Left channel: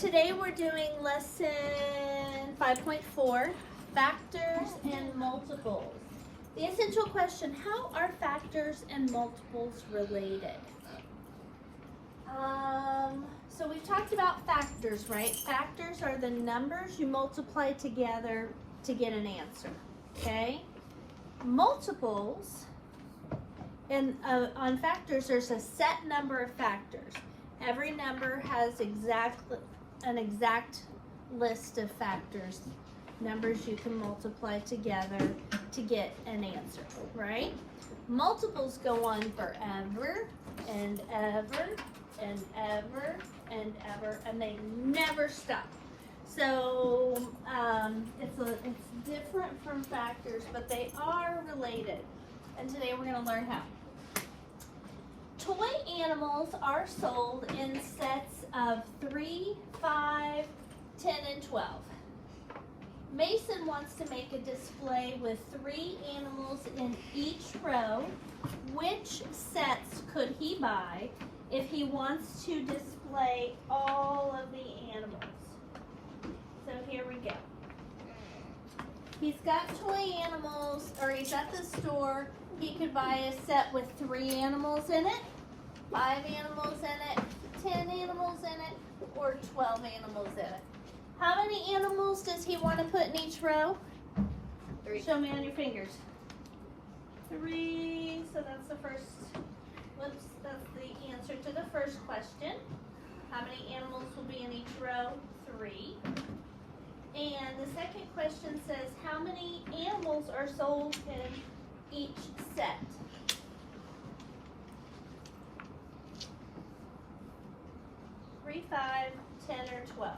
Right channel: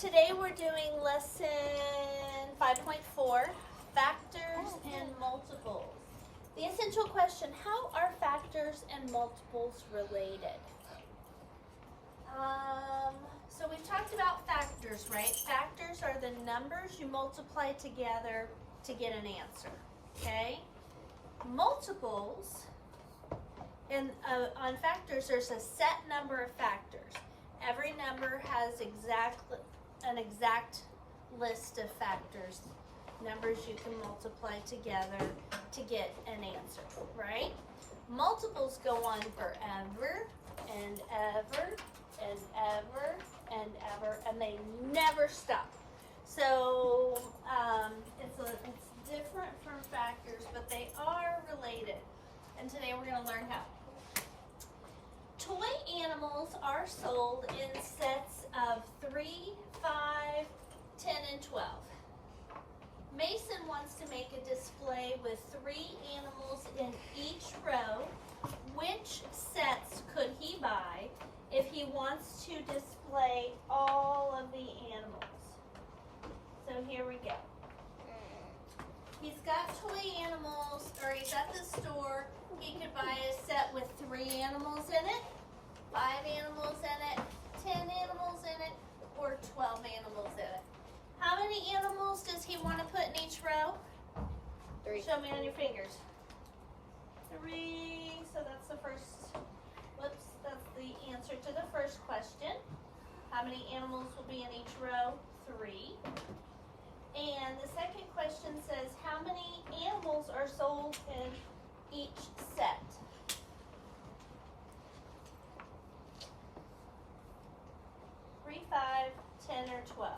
Today we're doing lesson 5.4, factors and multiples. The essential question, how are factors and multiples related? So we've talked about factors, right? Factors are the numbers you multiply together to get an answer, okay? Multiples, and on factors, there's a set number of factors. Every number has an exact list of factors, numbers you can multiply together to get an answer, right? Multiples go on forever and ever and ever and ever, and they never stop. So it's different from factors, but they are related. And today we're going to learn how. Toy animals are sold in sets of 3, 5, 10, and 12. Mason wants to make a display with 3 animals in each row. Which sets could he buy if he wants to display all of the animals? So here we go. He's got toy animals, or he's at the store. He could buy a set with 3 animals in it, 5 animals in it, 10 animals in it, or 12 animals in it. How many animals does he want to put in each row? 3. Show me on your fingers. 3, so that's the first, that's the answer to the first question. How many animals will be in each row? 3. And the second question says, how many animals are sold in each set? 3, 5, 10, or 12.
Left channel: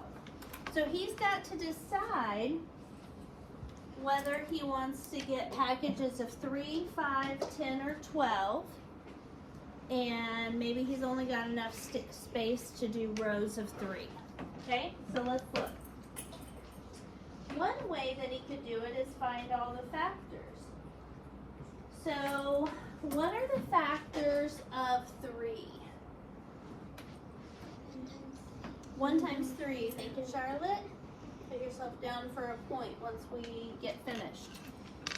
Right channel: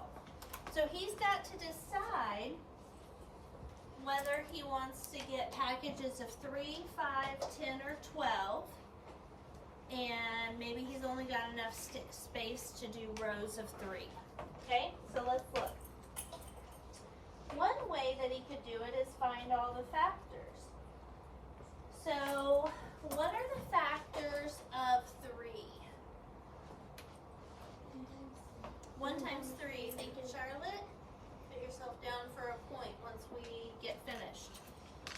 So he's got to decide whether he wants to get packages of 3, 5, 10, or 12. And maybe he's only got enough space to do rows of 3. Okay, so let's look. One way that he could do it is find all the factors. So, what are the factors of 3? 1 times 3. Thank you, Charlotte. Put yourself down for a point once we get finished.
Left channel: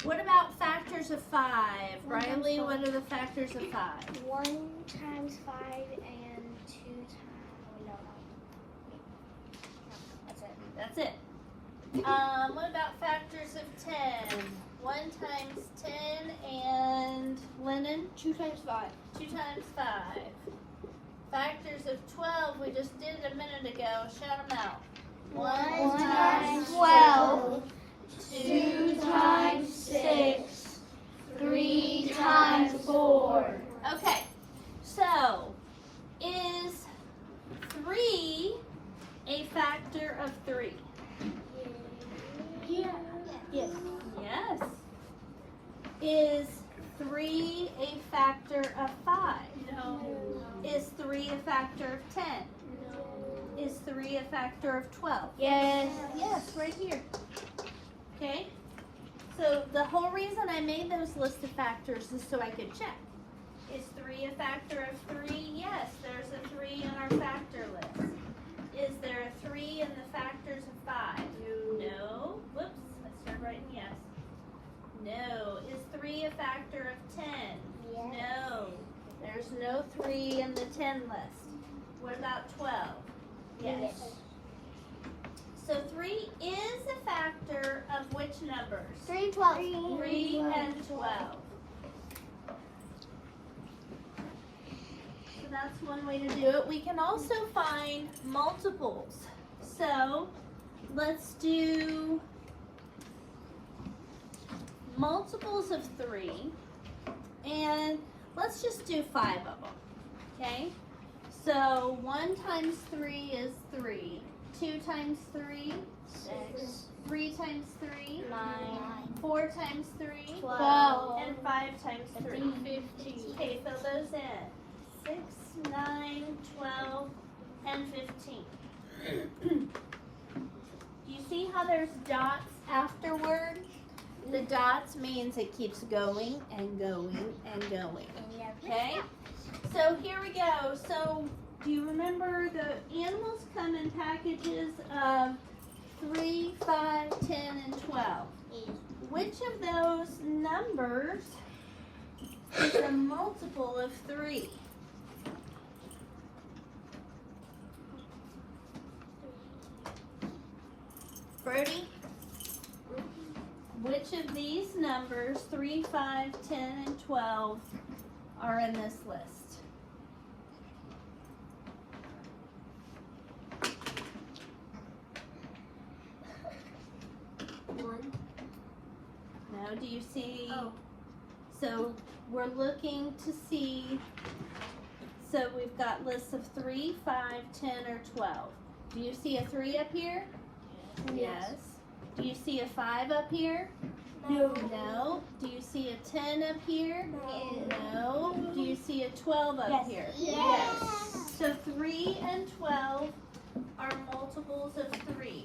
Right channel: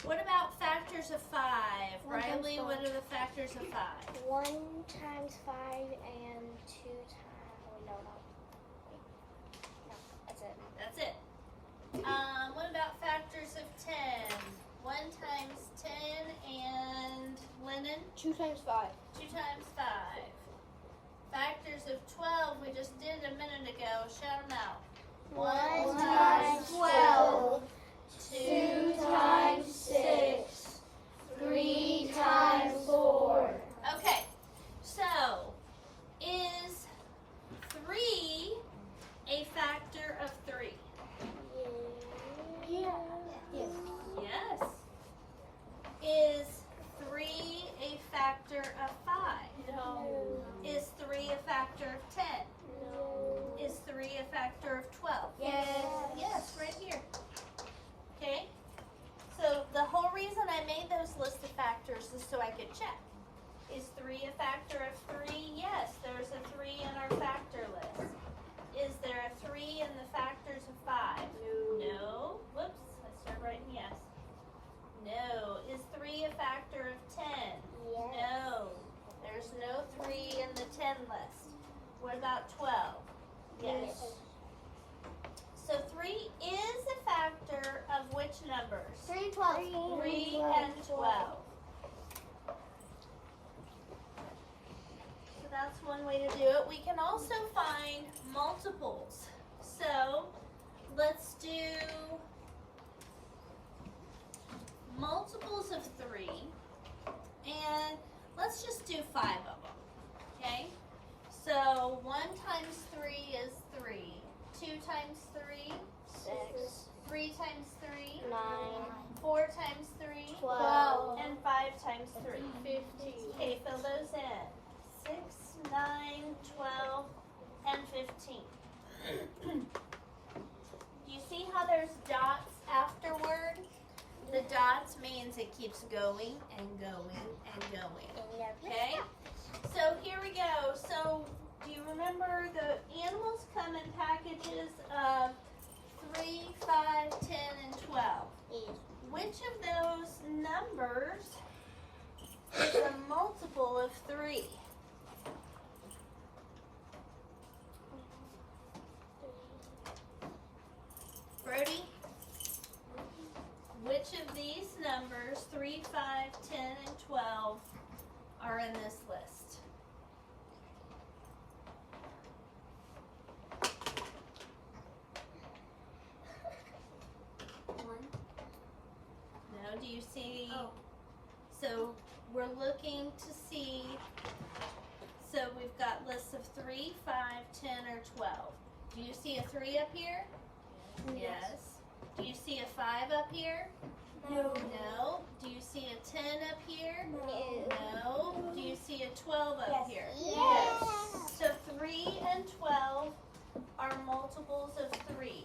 What about factors of 5? Riley, what are the factors of 5? 1 times 5 and 2 times... That's it. What about factors of 10? 1 times 10 and Lennon? 2 times 5. 2 times 5. Factors of 12, we just did a minute ago. Shout them out. 1 times 12. 2 times 6. 3 times 4. Okay, so is 3 a factor of 3? Yeah. Yes. Yes. Is 3 a factor of 5? No. Is 3 a factor of 10? No. Is 3 a factor of 12? Yes. Yes, right here. Okay? So the whole reason I made those list of factors is so I could check. Is 3 a factor of 3? Yes, there's a 3 in our factor list. Is there a 3 in the factors of 5? No. Whoops, I started writing yes. No. Is 3 a factor of 10? Yes. No. There's no 3 in the 10 list. What about 12? Yes. So 3 is a factor of which numbers? 3, 12. 3 and 12. So that's one way to do it. We can also find multiples. So let's do multiples of 3. And let's just do 5 of them. Okay? So 1 times 3 is 3. 2 times 3? 6. 3 times 3? 9. 4 times 3? 12. And 5 times 3? 15. Okay, fill those in. 6, 9, 12, and 15. Do you see how there's dots afterward? The dots means it keeps going and going and going. Okay? So here we go. So do you remember the animals come come in packages of 3, 5, 10, and 12. Which of those numbers is a multiple of 3? Brody? Which of these numbers, 3, 5, 10, and 12, are in this list? No, do you see? Oh. So we're looking to see, so we've got lists of 3, 5, 10, or 12. Do you see a 3 up here? Yes. Do you see a 5 up here? No. No. Do you see a 10 up here? No. Do you see a 12 up Yes. here? Yes. So 3 and 12 are multiples of 3.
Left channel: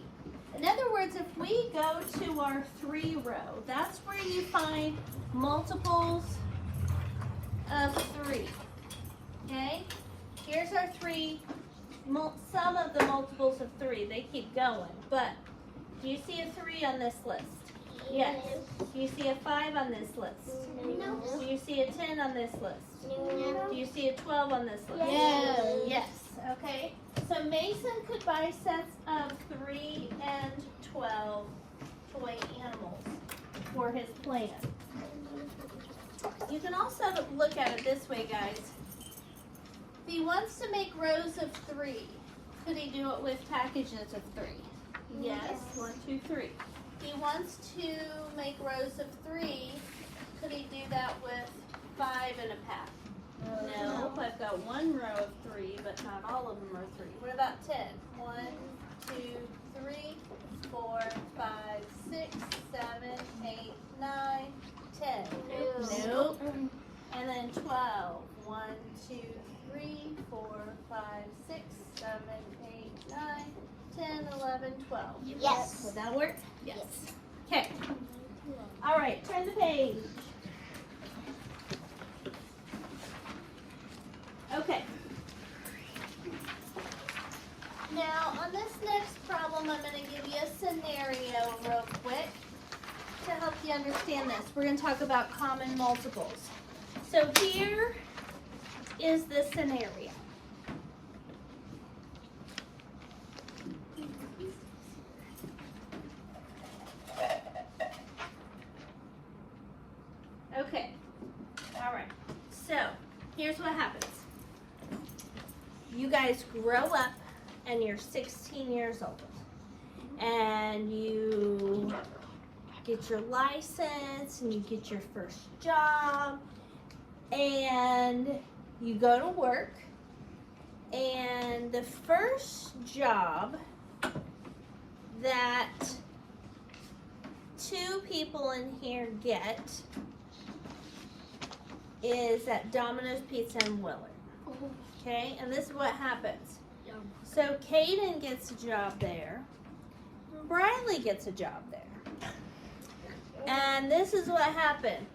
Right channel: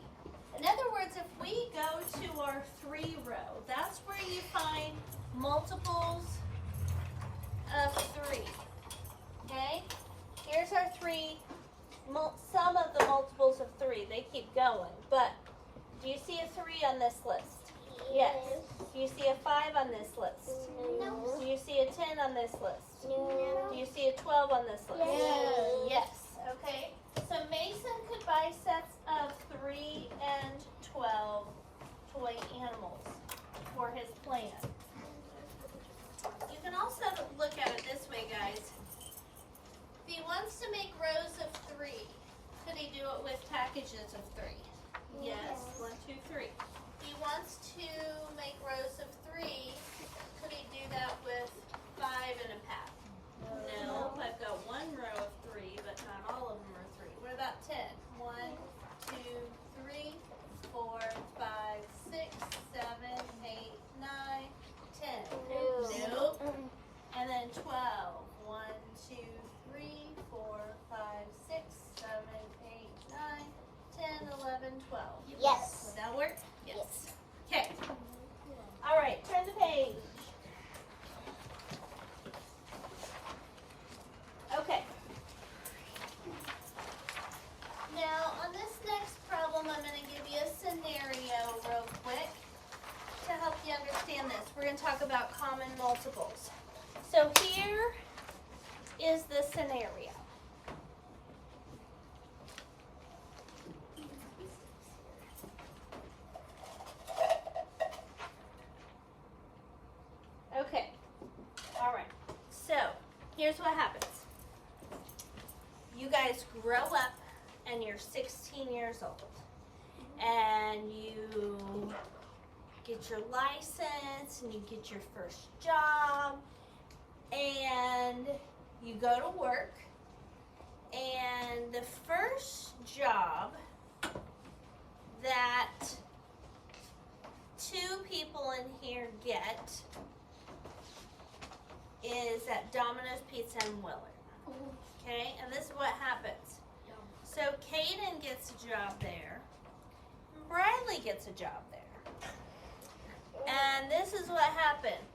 In other words, if we go to our 3 row, that's where you find multiples of 3. Okay? Here's our 3, some of the multiples of 3. They keep going. But do you see a 3 on this list? Yes. Do you see a 5 on this list? No. Do you see a 10 on this list? No. Do you see a 12 on this list? Yes. Yes. Okay. So Mason could buy sets of 3 and 12 toy animals for his plan. You can also look at it this way, guys. If he wants to make rows of 3, could he do it with packages of 3? Yes. 1, 2, 3. He wants to make rows of 3. Could he do that with 5 and a pack? No. I've got 1 row of 3, but not all of them are 3. What about 10? 1, 2, 3, 4, 5, 6, 7, 8, 9, 10. Nope. And then 12. 1, 2, 3, 4, 5, 6, 7, 8, 9, 10, 11, 12. Yes. Would that work? Yes. Okay. All right, turn the page. Okay. Now, on this next problem, I'm going to give you a scenario real quick to help you understand this. We're going to talk about common multiples. So here is the scenario. Okay. All right. So, here's what happens. You guys grow up and you're 16 years old. And you get your license and you get your first job. And you go to work. And the first job that 2 people in here get is at Domino's Pizza in Willard. Okay, and this is what happens. So Caden gets a job there. Bradley gets a job there. And this is what happened.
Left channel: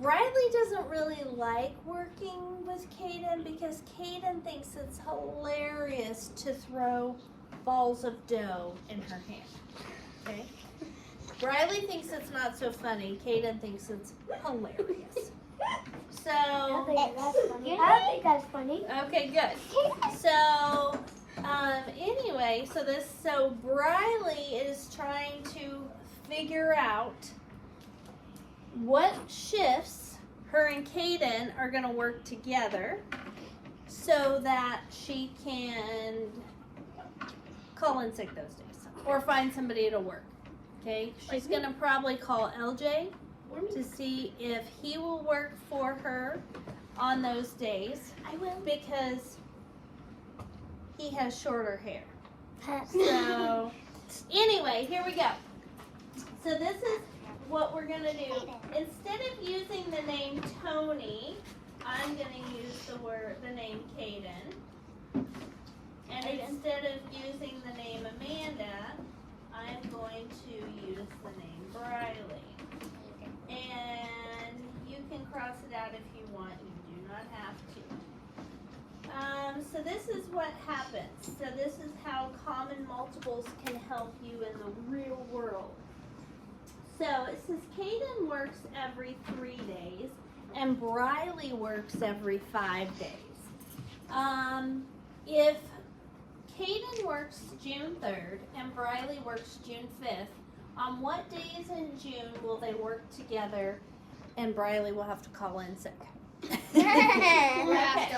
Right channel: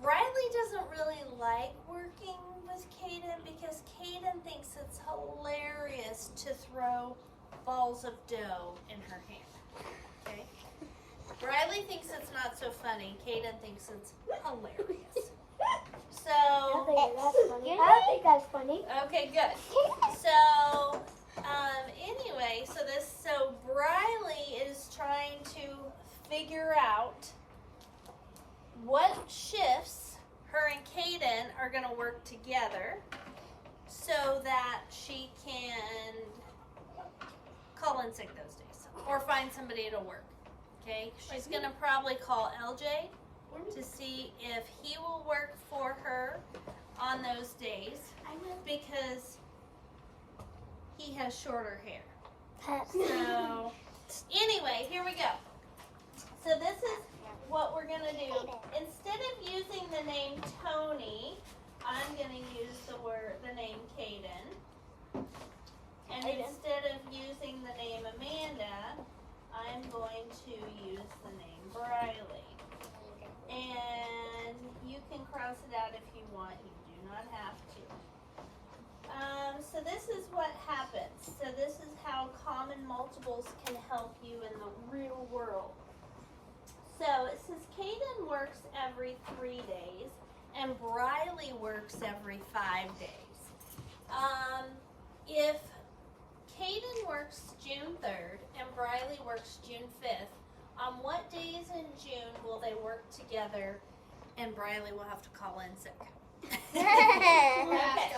Bradley doesn't really like working with Caden because Caden thinks it's hilarious to throw balls of dough in her hand. Okay? Bradley thinks it's not so funny. Caden thinks it's hilarious. So, I think that's funny. okay, good. So, anyway, so Briley is trying to figure out what shifts her and Caden are going to work together so that she can call in sick those days or find somebody to work. Okay, she's going to probably call LJ to see if he will work for her on those days. I will. Because he has shorter hair. So, anyway, here we go. So this is what we're going to do. Instead of using the name Tony, I'm going to use the name Caden. And instead of using the name Amanda, I'm going to use the name Briley. And you can cross it out if you want. You do not have to. So this is what happens. So this is how common multiples can help you in the real world. So it says Kaden works every 3 days and Briley works every 5 days. If Kaden works June 3rd and Briley works June 5th, on what days in June will they work together and Briley will have to call in sick? Okay.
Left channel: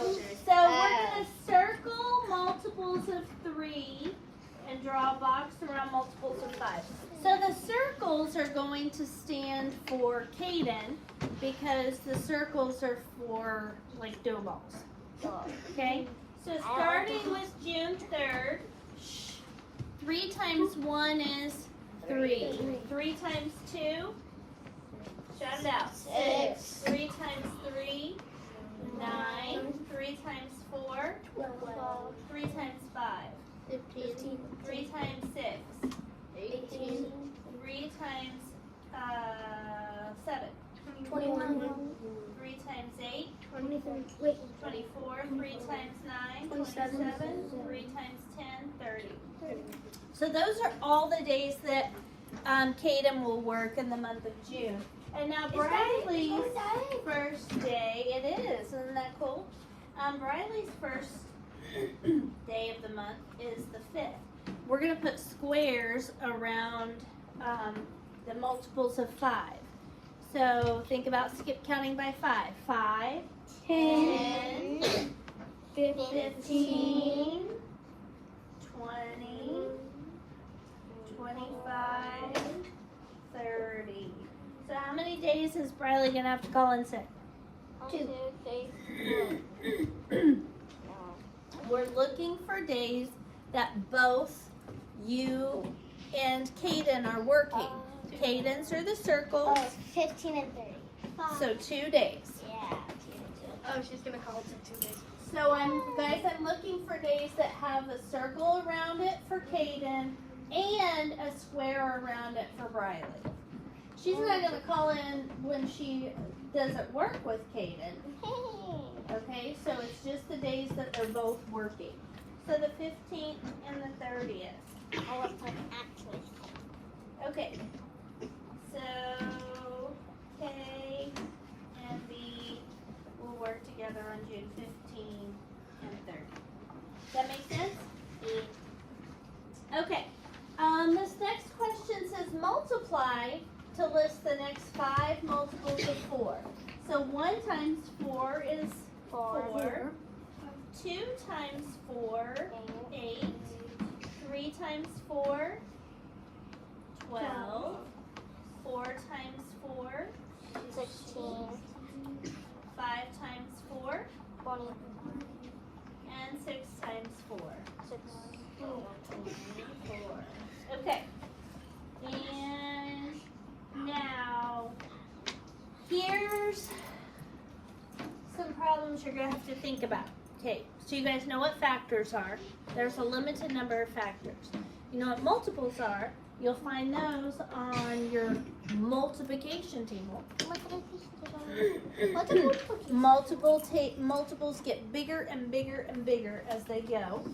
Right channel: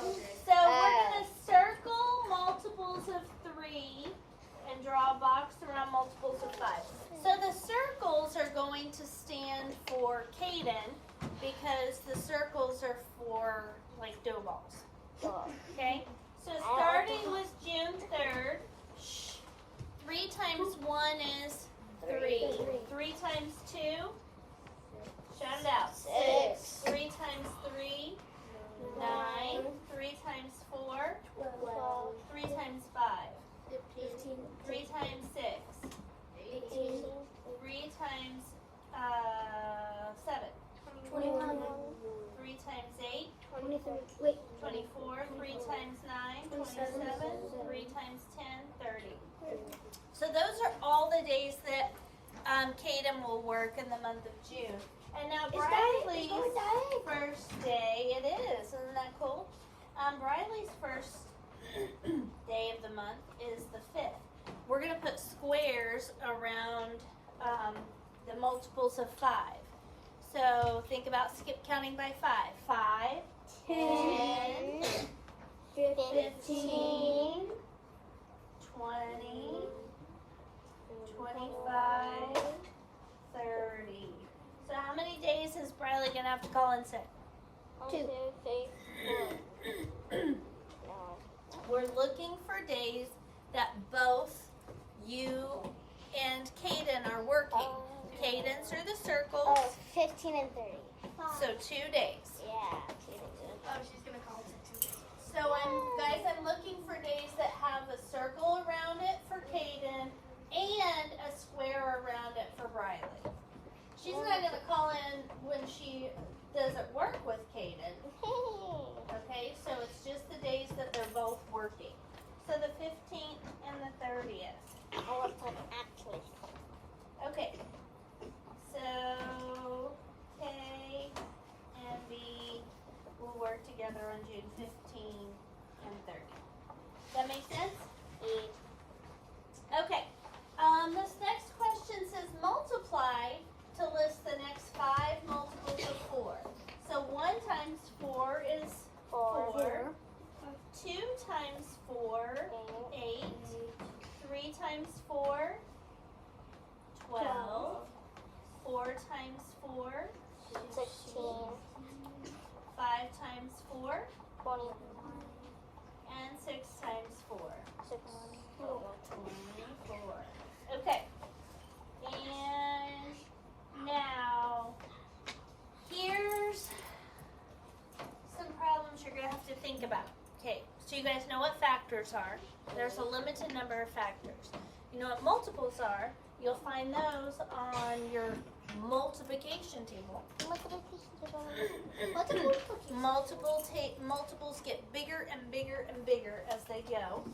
So we're going to circle multiples of 3 and draw a box around multiples of 5. So the circles are going to stand for Kaden because the circles are for like dough balls. Okay? So starting with June 3rd, 3 times 1 is 3. 3 times 2, shout it out. 6. 3 times 3, 9. 3 times 4, 3 times 5. 15. 3 times 6, 18. 3 times 7. 21. 3 times 8, 23. Wait. 24. 3 times 9, 27. 3 times 10, 30. So those are all the days that Kaden will work in the month of June. And now Briley's first day, it is, isn't that cool? Briley's first day of the month is the 5th. We're going to put squares around the multiples of 5. So think about counting by 5. 5, 10, 15, 20, 25, 30. So how many days is Briley going to have to call in sick? 2. We're looking for days that both you and Kaden are working. Kaden's are the circles, 15 and 30. so 2 days. Yeah. Oh, she's gonna call it 2 days. So I'm looking for days that have a circle around it for Kaden and a square around it for Briley. She's not going to call in when she doesn't work with Kaden. Okay, so it's just the days that they're both working. So the 15th and the 30th. Okay, so K and B will work together on June 15 and 30. Does that make sense? Okay, this next question says multiply to list the next 5 multiples of 4. So 1 times 4 is 4. 2 times 4, 8. 3 times 4, 12. 4 times 4, 16. 5 times 4, and 6 times 4. 24. Okay. And now, here's some problems you're going to have to think about. Okay, so you guys know what factors are. There's a limited number of factors. You know what multiples are. You'll find those on your multiplication table. Multiples get bigger and bigger and bigger as they go.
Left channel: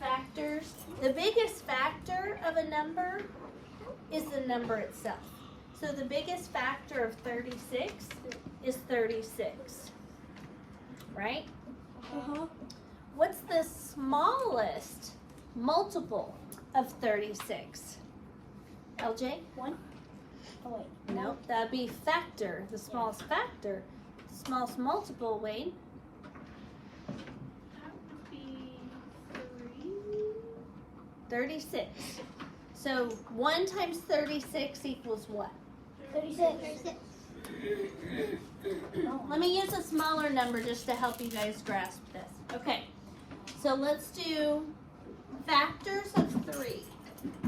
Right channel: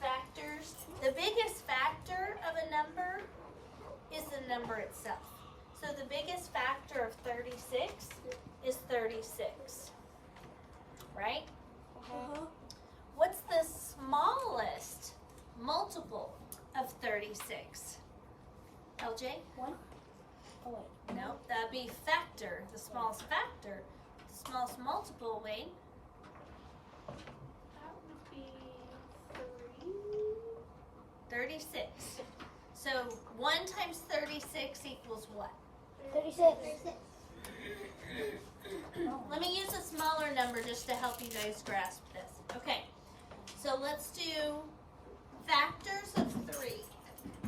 Factors. The biggest factor of a number is the number itself. So the biggest factor of 36 is 36. Right? What's the smallest multiple of 36? LJ? 1. No, that'd be factor, the smallest factor. The smallest multiple, Wade. 36. So 1 times 36 equals what? 36. Let me use a smaller number just to help you guys grasp this. Okay, so let's do factors of 3.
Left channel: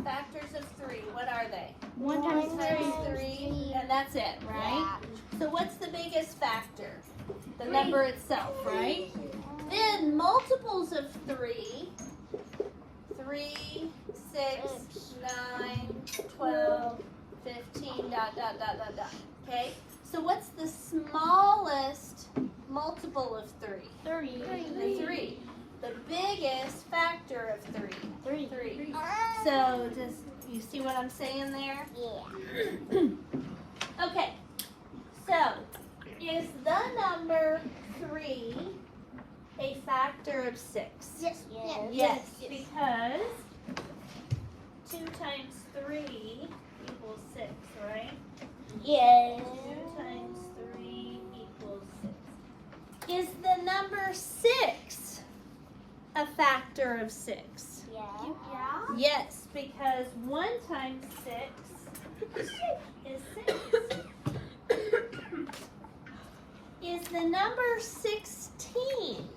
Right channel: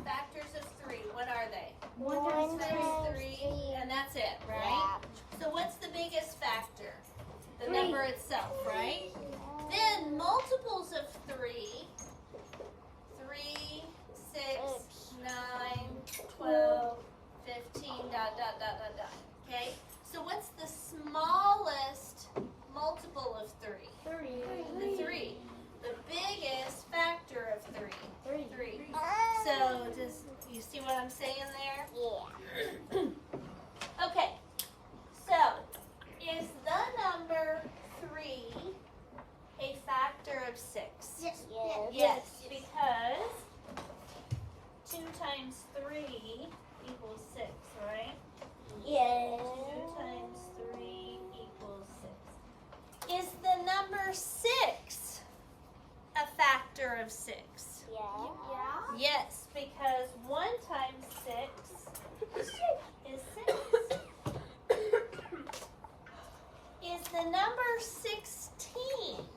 Factors of 3, what are they? 1 times 3, and that's it, right? So what's the biggest factor? The number itself, right? Then multiples of 3, 3, 6, 9, 12, 15, dot, dot, dot, dot, dot. Okay? So what's the smallest multiple of 3? 3. The 3. the biggest factor of 3. 3. So just, you see what I'm saying there? Yeah. Okay, so is the number 3 a factor of 6? Yes. Yes, because 2 times 3 equals 6, right? Yes. 2 times 3 equals 6. Is the number 6 a factor of 6? Yeah. Yes, because 1 times 6 is 6. Is the number 16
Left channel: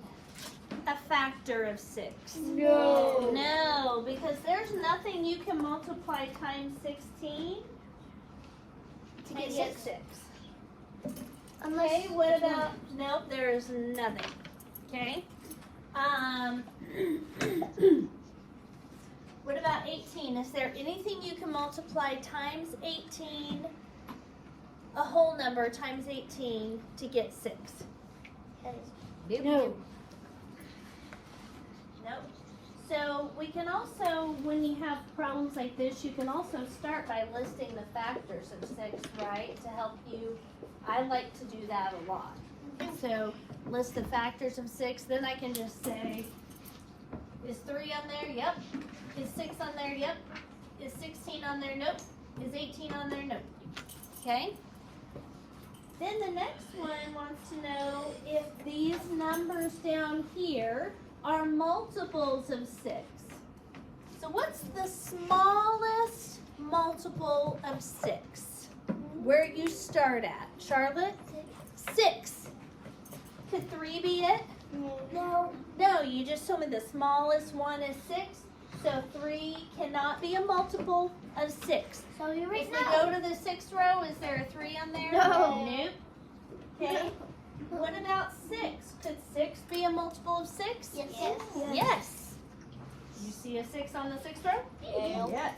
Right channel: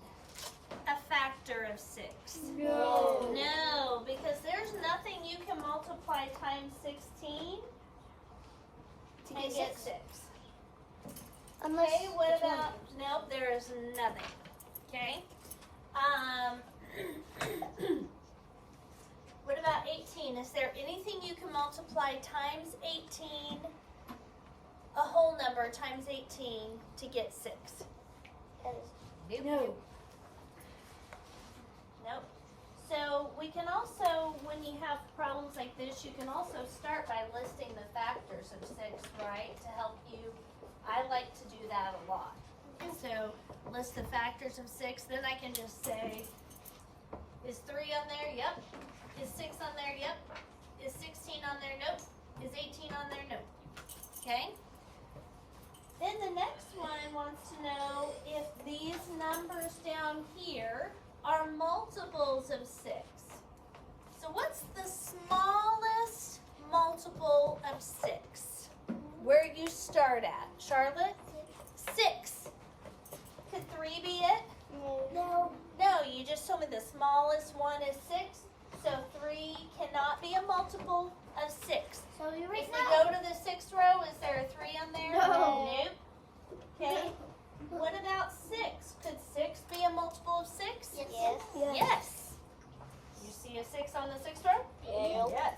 a factor of 6? No. No, because there's nothing you can multiply times 16 to get 6. Okay, what about, nope, there is nothing. Okay. What about 18? Is there anything you can multiply times 18, a whole number times 18 to get 6? Nope. No. Nope. So we can also, when you have problems like this, you can also start by listing the factors of 6, right? To help you. I like to do that a lot. So list the factors of 6, then I can just say, is 3 on there? Yep. Is 6 on there? Yep. Is 16 on there? Nope. Is 18 on there? Nope. Okay? Then the next one wants to know if these numbers down here are multiples of 6. So what's the smallest multiple of 6? Where you start at? Charlotte? 6. Could 3 be it? No. No, you just told me the smallest one is 6. So 3 cannot be a multiple of 6. So you If we go to the 6th row, is there a 3 on there? No. Nope. Okay. What about 6? Could 6 be a multiple of 6? Yes. Yes. You see a 6 on the 6th row? Yeah. Yes.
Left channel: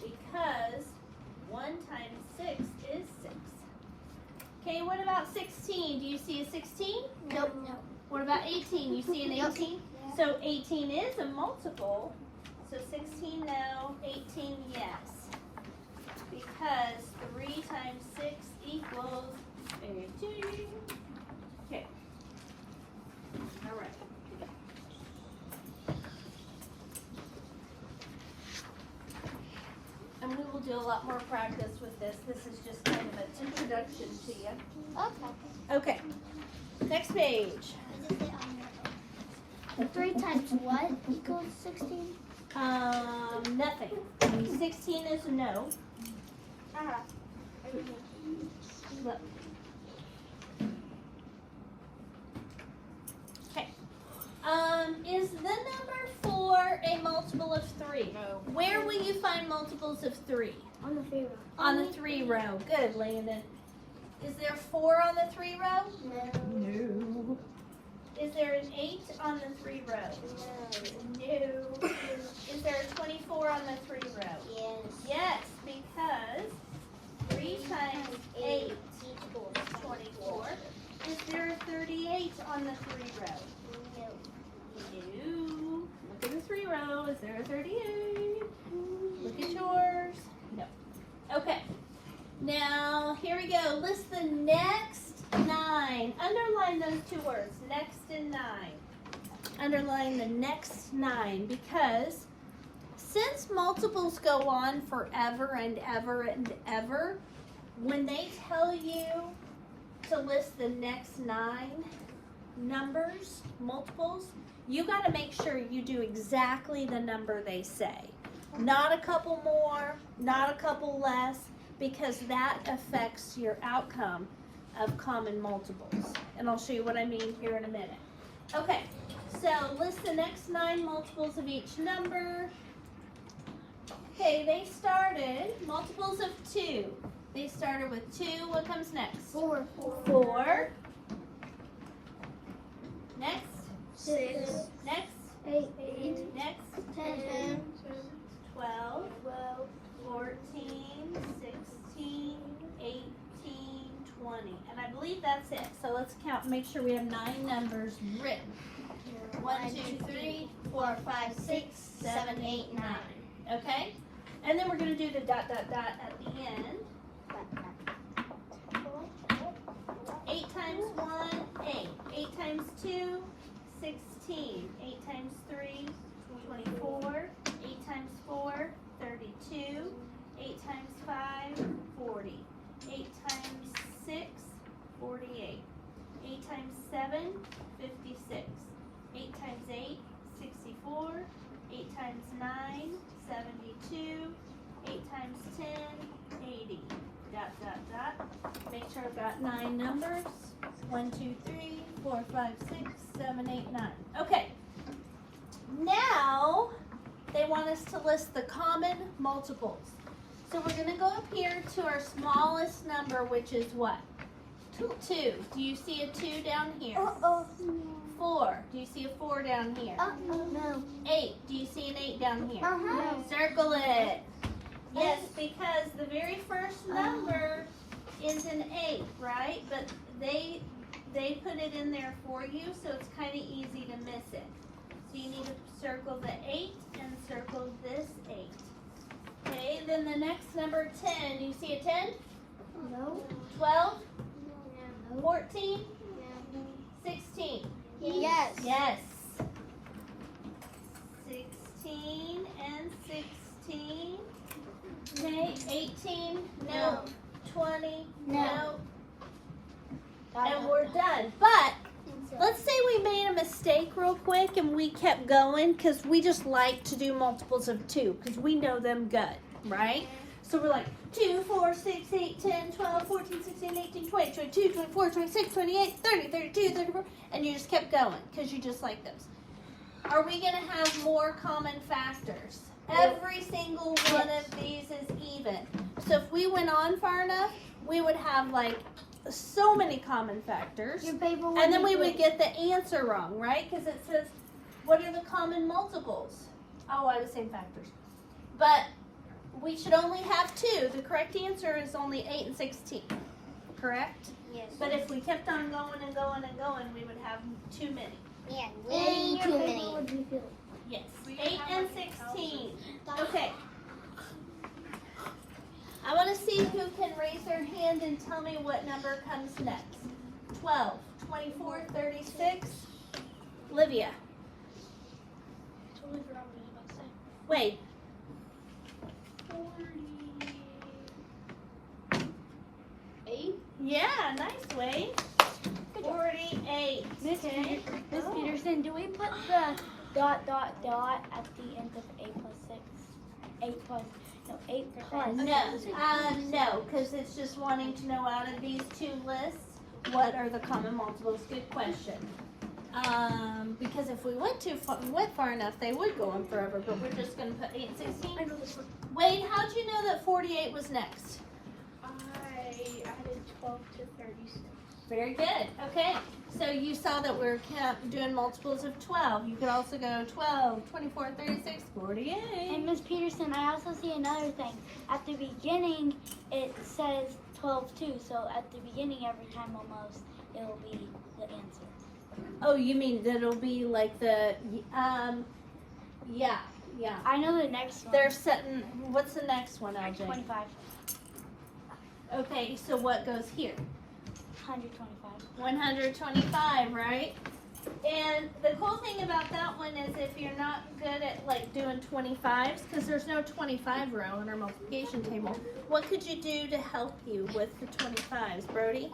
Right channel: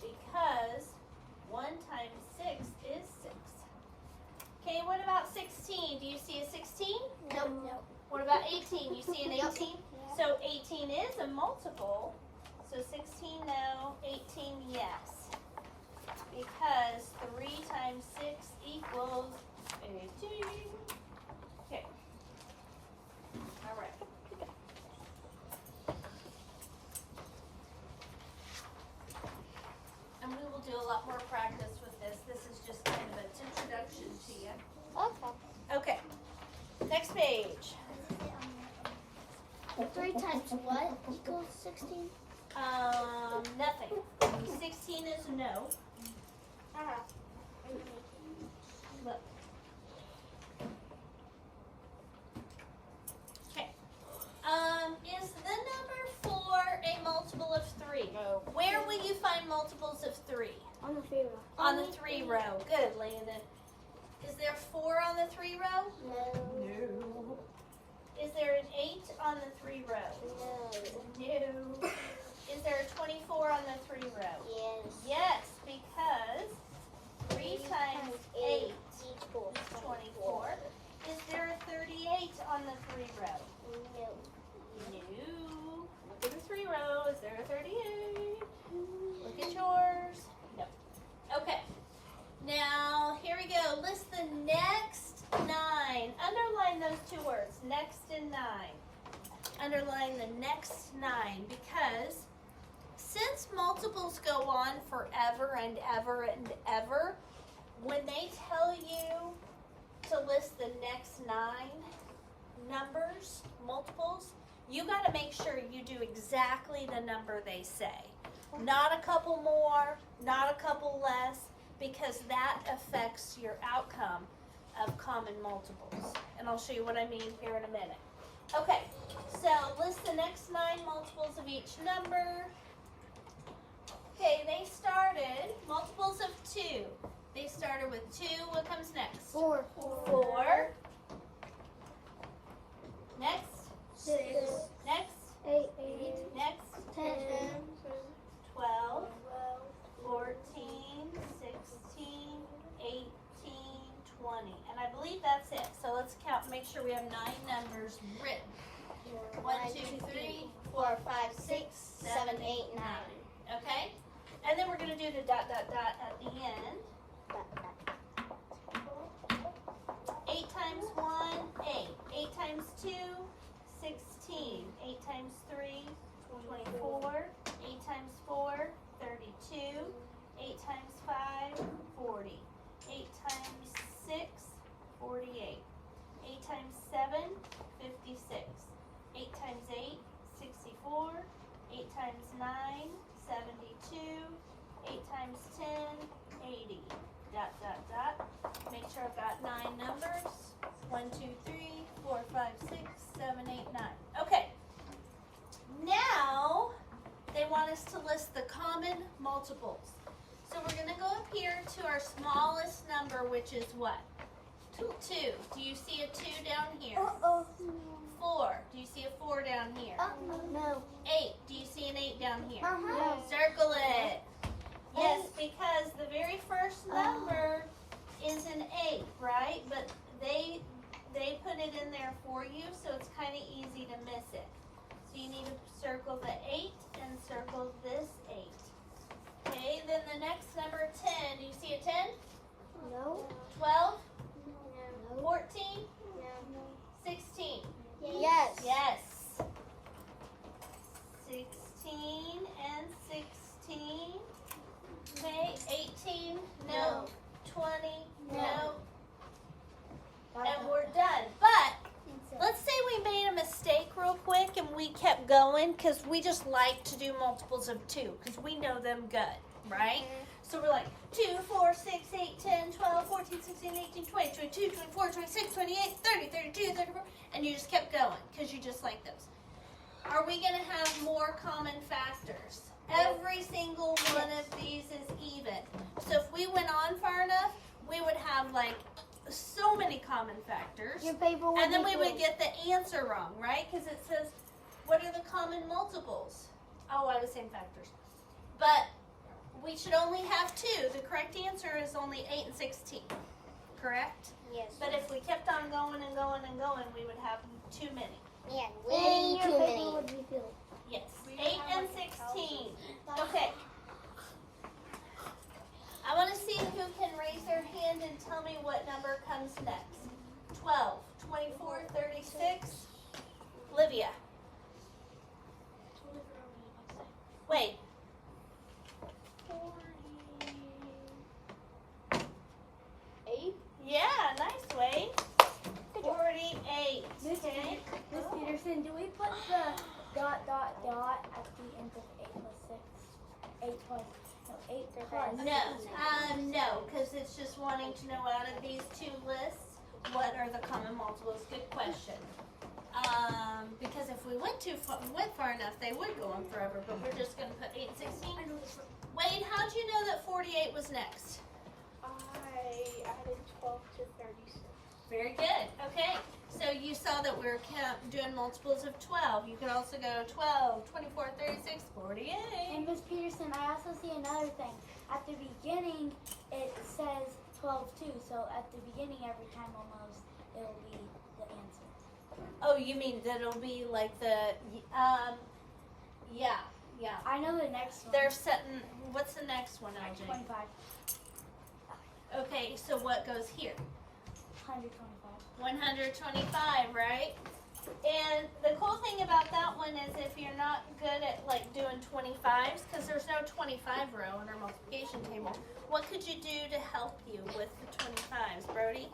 Because 1 times 6 is 6. Okay, what about 16? Do you see a 16? No. What about 18? You see an 18? So 18 is a multiple. So 16 no, 18 yes. Because 3 times 6 equals 18. Okay. All right. And we will do a lot more practice with this. This is just kind of an introduction to you. Okay. Okay. Next page. 3 times what equals 16? Nothing. 16 is no. Look. Okay. Is the number 4 a multiple of 3? No. Where will you find multiples of 3? On the favor. On the 3 row. Good, Landon. Is there 4 on the 3 row? No. No. Is there an 8 on the 3 row? No. Is there a 24 on the 3 row? Yes, because 3 times 8 is 24. Is there a 38 on the 3 row? No. Look at the 3 row. Is there a 38? Look at yours. No. Okay. Now, here we go. List the next 9. Underline those 2 words, next and 9. Underline the next 9 because since multiples go on forever and ever and ever, when they tell you to list the next 9 numbers, multiples, you got to make sure you do exactly the number they say. Not a couple more, not a couple less, because that affects your outcome of common multiples. And I'll show you what I mean here in a minute. Okay, so list the next 9 multiples of each number. Okay, they started, multiples of 2. They started with 2. What comes next? 4. 4. Next. 6. Next. 8. Next. 10. 12. 12. 14, 16, 18, 20. And I believe that's it. So let's count make sure we have 9 numbers written. 1, 2, 3, 4, 5, 6, 7, 8, 9. Okay? And then we're going to do the dot, dot, dot at the end. 8 times 1, 8. 8 times 2, 16. 8 times 3, 24. 8 times 4, 32. 8 times 5, 40. 8 times 6, 48. 8 times 7, 56. 8 times 8, 64. 8 times 9, 72. 8 times 10, 80. Dot, dot, dot. Make sure I've got 9 numbers. 1, 2, 3, 4, 5, 6, 7, 8, 9. Okay. Now, they want us to list the common multiples. So we're going to go up here to our smallest number, which is what? 2. Do you see a 2 down here? 4. Do you see a 4 down here? No. 8. Do you see an 8 down here? Circle it. Yes, because the very first number is an 8, right? But they put it in there for you, so it's kind of easy to miss it. So you need to circle the 8 and circle this 8. Okay, then the next number 10. Do you see a 10? No. 12? 14? 16? Yes. Yes. 16 and 16. Okay, 18, no. 20, no. And we're done. But let's say we made a mistake real quick and we kept going because we just like to do multiples of 2 because we know them good, right? So we're like 2, 4, 6, 8, 10, 12, 14, 16, 18, 20, 22, 24, 26, 28, 30, 32, 34, and you just kept going because you just like those. Are we going to have more common factors? Every single one of these is even. So if we went on far enough, we would have like so many common factors. Your paper And then we would get the answer wrong, right? Because it says, what are the common multiples? Oh, I was saying factors. But we should only have 2. The correct answer is only 8 and 16. Correct? Yes. But if we kept on going and going and going, we would have too many. Yeah, way too many. Yes. 8 and 16. Okay. I want to see who can raise their hand and tell me what number comes next. 12, 24, 36. Livia. Wade. 8. Yeah, nice, Wade. 48. Miss Peterson, do we put the dot, dot, dot at the end of 8 plus 6? 8 plus, no, 8 plus. No, because it's just wanting to know out of these 2 lists, what are the common multiples? Good question. Because if we went far enough, they would go on forever, but we're just going to put 8 and 16. I know this one. Wade, how'd you know that 48 was next? I added 12 to 36. Very good. Okay. So you saw that we're doing multiples of 12. You could also go 12, 24, 36, 48. And Miss Peterson, I also see another thing. At the beginning, it says 12 too. So at the beginning, every time almost, it will be the answer. Oh, you mean that it'll be like the, yeah. I know the next one. They're setting, what's the next one, RJ? 25. Okay, so what goes here? 125. 125, right? And the cool thing about that one is if you're not good at like doing 25s, because there's no 25 row in our multiplication table, what could you do to help you with the 25s, Brody?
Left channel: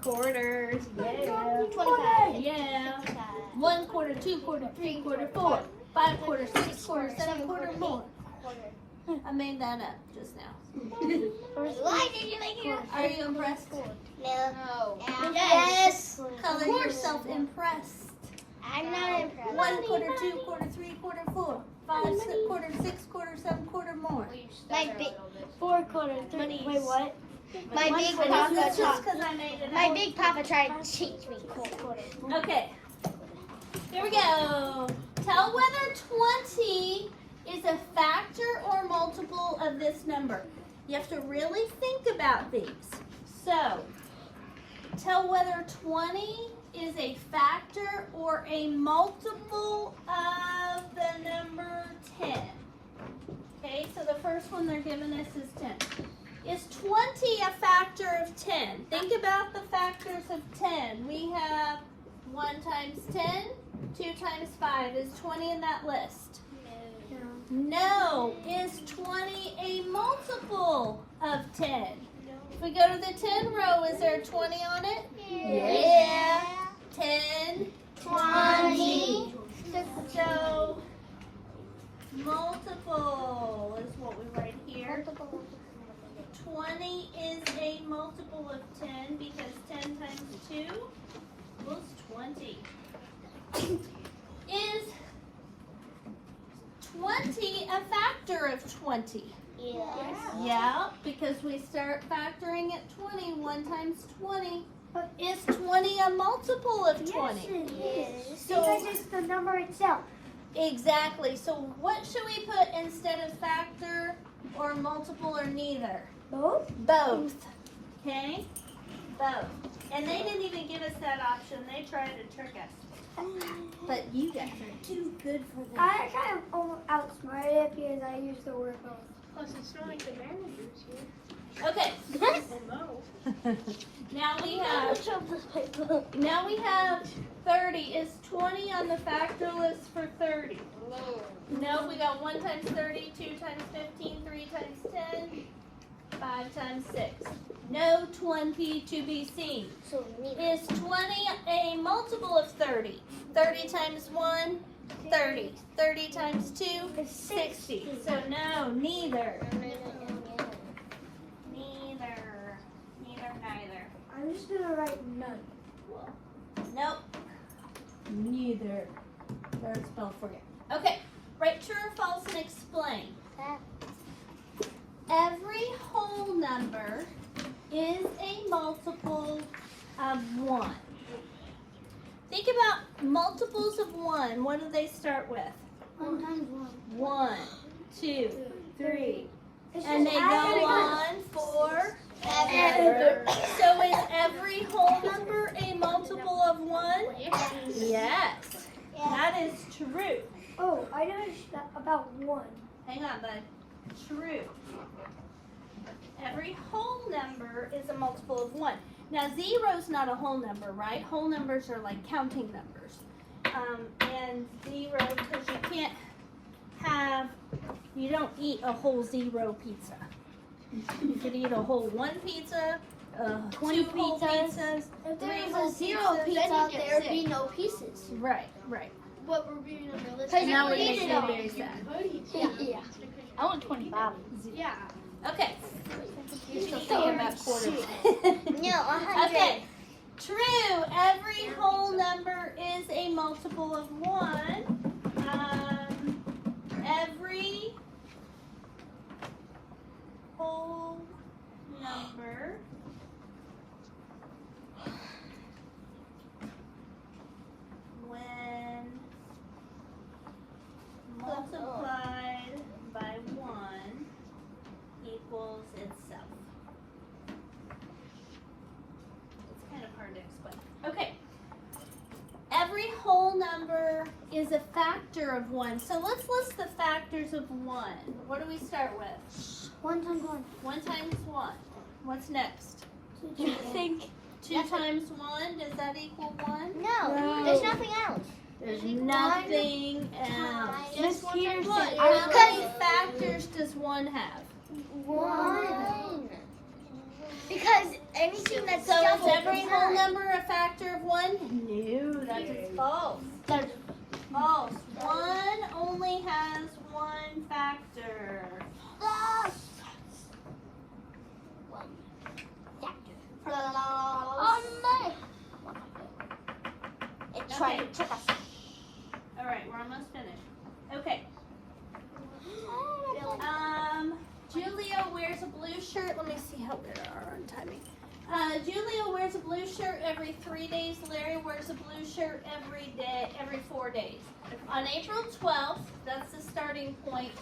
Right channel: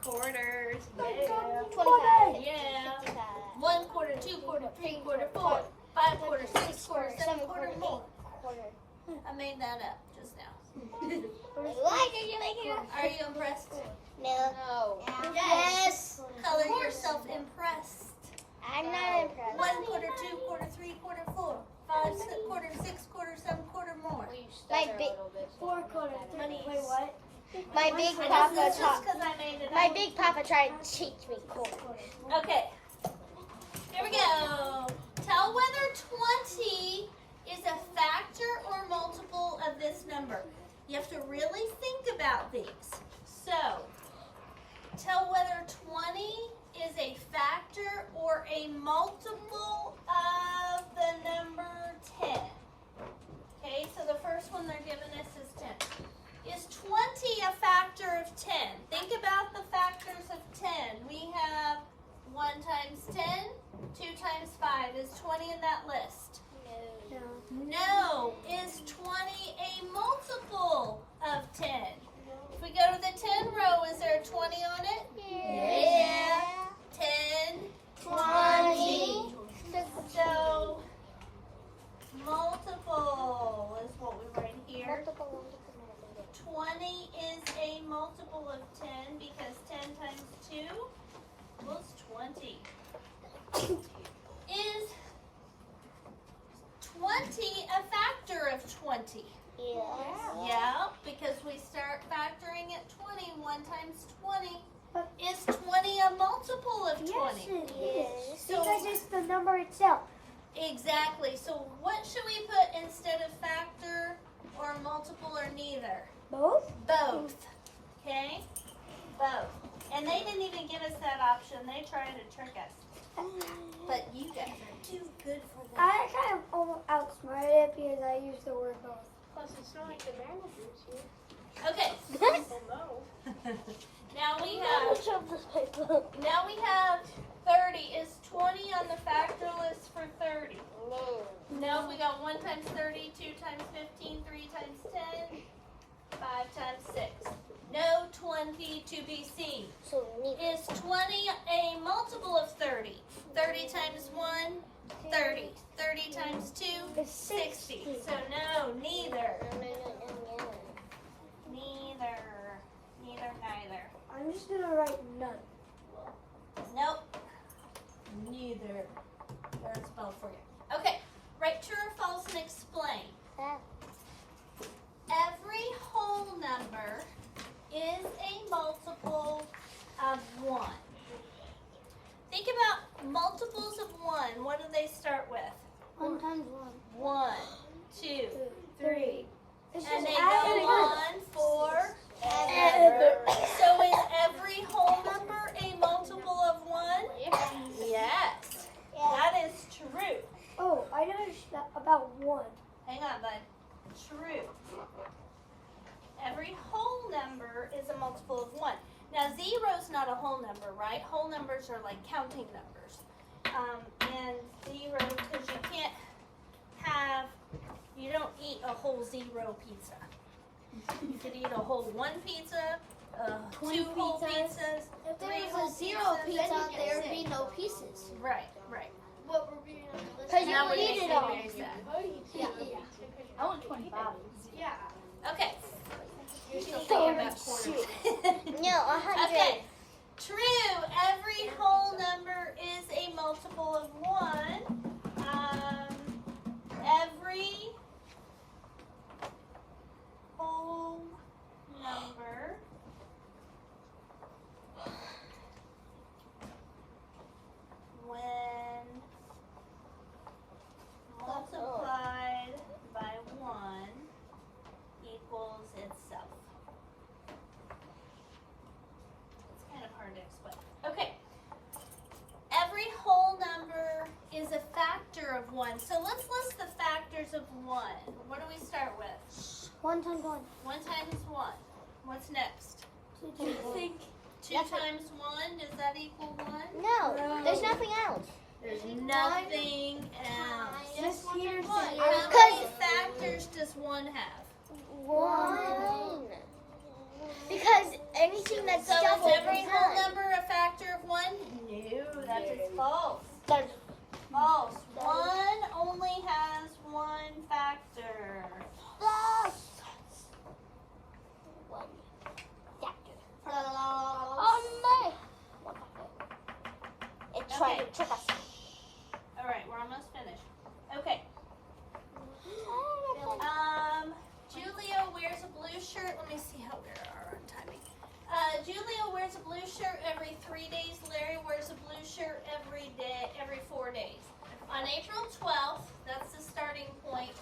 Quarters. Yeah. 25. Yeah. 1 quarter, 2 quarter, 3 quarter, 4, 5 quarter, 6 quarter, 7 quarter more. I made that up just now. Why did you make it? Are you impressed? No. Yes. Color yourself impressed. I'm not impressed. 1 quarter, 2 quarter, 3 quarter, 4, 5 quarter, 6 quarter, 7 quarter more. My big, 4 quarters. Money. Wait, what? my big It's papa just tried. because I made it My up. big papa tried to teach me. Okay. Here we go. Tell whether 20 is a factor or multiple of this number. You have to really think about these. So, tell whether 20 is a factor or a multiple of the number 10. Okay, so the first one they're giving us is 10. Is 20 a factor of 10? Think about the factors of 10. We have 1 times 10, 2 times 5. Is 20 in that list? No. Is 20 a multiple of 10? If we go to the 10 row, is there a 20 on it? Yeah. 10, 20. So, multiple is what we write here. 20 is a multiple of 10 because 10 times 2 equals 20. Is 20 a factor of 20? Yes. Yeah, because we start factoring at 20. 1 times 20. Is 20 a multiple of 20? Yes. So- Because it's the number itself. Exactly. So what should we put instead of factor or multiple or neither? Both? Both. Okay? Both. And they didn't even give us that option. They tried to trick us. But you guys are too good for them. I kind of almost outsmarted it because I used the word both. Plus, it's not like the managers here. Okay. No. Now we have 30. Is 20 on the factor list for 30? No, we got 1 times 30, 2 times 15, 3 times 10, 5 times 6. No 20 to be seen. So Is 20 a multiple of 30? 30 times 1, 30. 30 times 2, 60. So no, neither. Neither. I'm just going to write none. Nope. Neither. There's spelled for you. Okay. Write true or false and explain. Every whole number is a multiple of 1. Think about multiples of 1. What do they start with? 1 times 1. 1, 2, 3. It's And just they go adding up. on for ever. So is every whole number a multiple of 1? Yes. That is true. Oh, I noticed that about 1. Hang on, bud. True. Every whole number is a multiple of 1. Now, 0 is not a whole number, right? Whole numbers are like counting numbers. And 0, because you can't have, you don't eat a whole 0 pizza. You could eat a whole 1 pizza, 2 whole pizzas, If 3 there whole was a 0 pizzas. pizza, there would be no pieces. Right, right. What we're being unrealistic. And that would make me very sad. Yeah. I want 25. Yeah. Okay. You're still thinking about quarters. No, 100. Okay. True. Every whole number is a multiple of 1. Every whole number when multiplied by 1 equals itself. It's kind of hard to explain. Okay. Every whole number is a factor of 1. So let's list the factors of 1. What do we start with? 1 times 1. 1 times 1. What's next? 2 Think 2 times 1, does that equal 1? No, there's nothing else. There's nothing else. Just one times What? one. How many factors does 1 have? 1. Because anything that's So is double every is whole not. number a factor of 1? No, that is false. False. 1 only has 1 factor. Okay. All right, we're almost finished. Okay. Julia wears a blue shirt. Let me see how we are on timing. Julia wears a blue shirt every 3 days. Larry wears a blue shirt every 4 days. On April 12th, that's the starting point,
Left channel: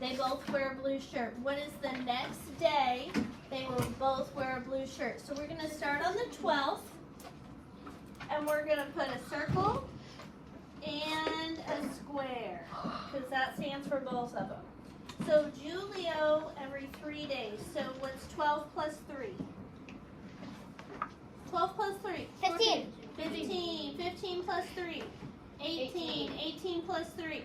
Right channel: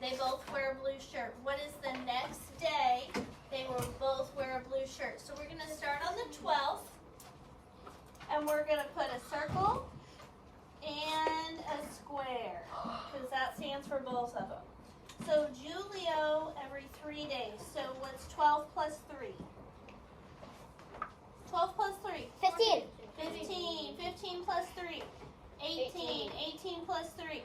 they both wear a blue shirt. What is the next day? They will both wear a blue shirt. So we're going to start on the 12th. and we're gonna put a circle and a square, because that stands for both of them. So Julio every 3 days. So what's 12 plus 3? 12 plus 3. 15. 15. 15 plus 3. 18. 18 plus 3.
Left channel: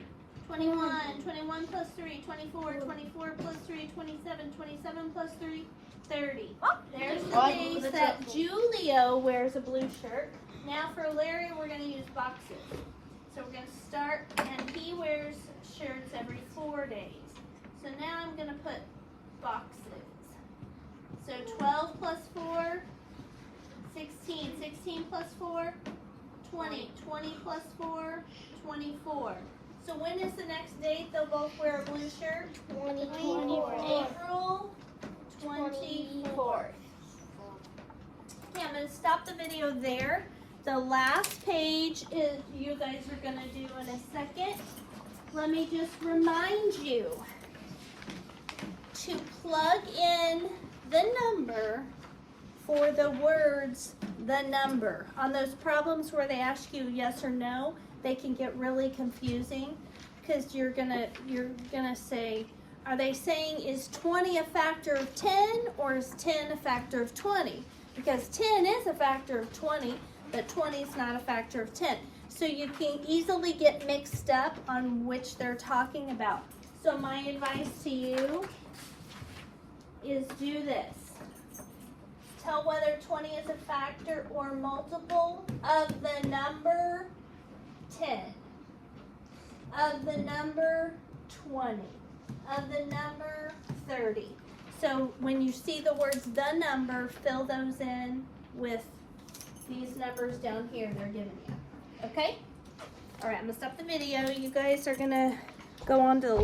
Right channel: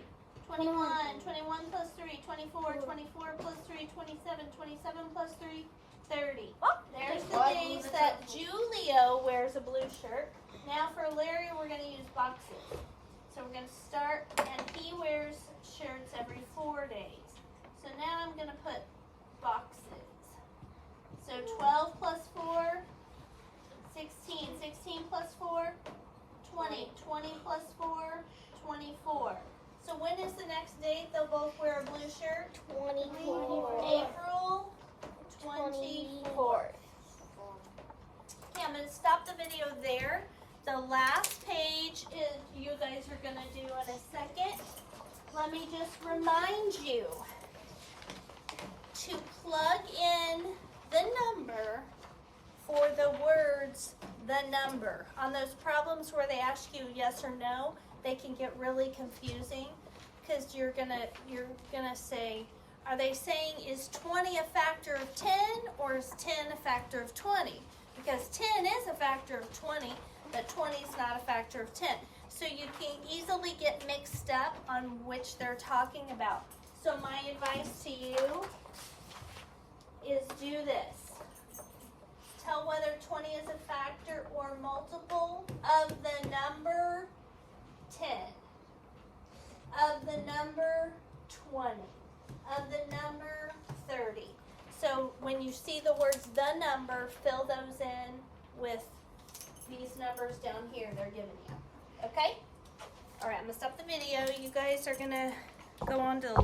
21. 21 plus 3. 24. 24 plus 3. 27. 27 plus 3. 30. There's the days that Julio wears a blue shirt. Now for Larry, we're going to use boxes. So we're going to start, and he wears shirts every 4 days. So now I'm going to put boxes. So 12 plus 4, 16. 16 plus 4, 20. 20 plus 4, 24. So when is the next date they'll both wear a blue shirt? 24. April 24th. Okay, I'm going to stop the video there. The last page is you guys are going to do in a second. Let me just remind you to plug in the number for the words the number. On those problems where they ask you yes or no, they can get really confusing because you're gonna say, are they saying is 20 a factor of 10 or is 10 a factor of 20? Because 10 is a factor of 20, but 20 is not a factor of 10. So you can easily get mixed up on which they're talking about. So my advice to you is do this. Tell whether 20 is a factor or multiple of the number 10, of the number 20, of the number 30. So when you see the words the number, fill those in with these numbers down here they're giving you. Okay? All right, I'm going to stop the video. You guys are going to go on to the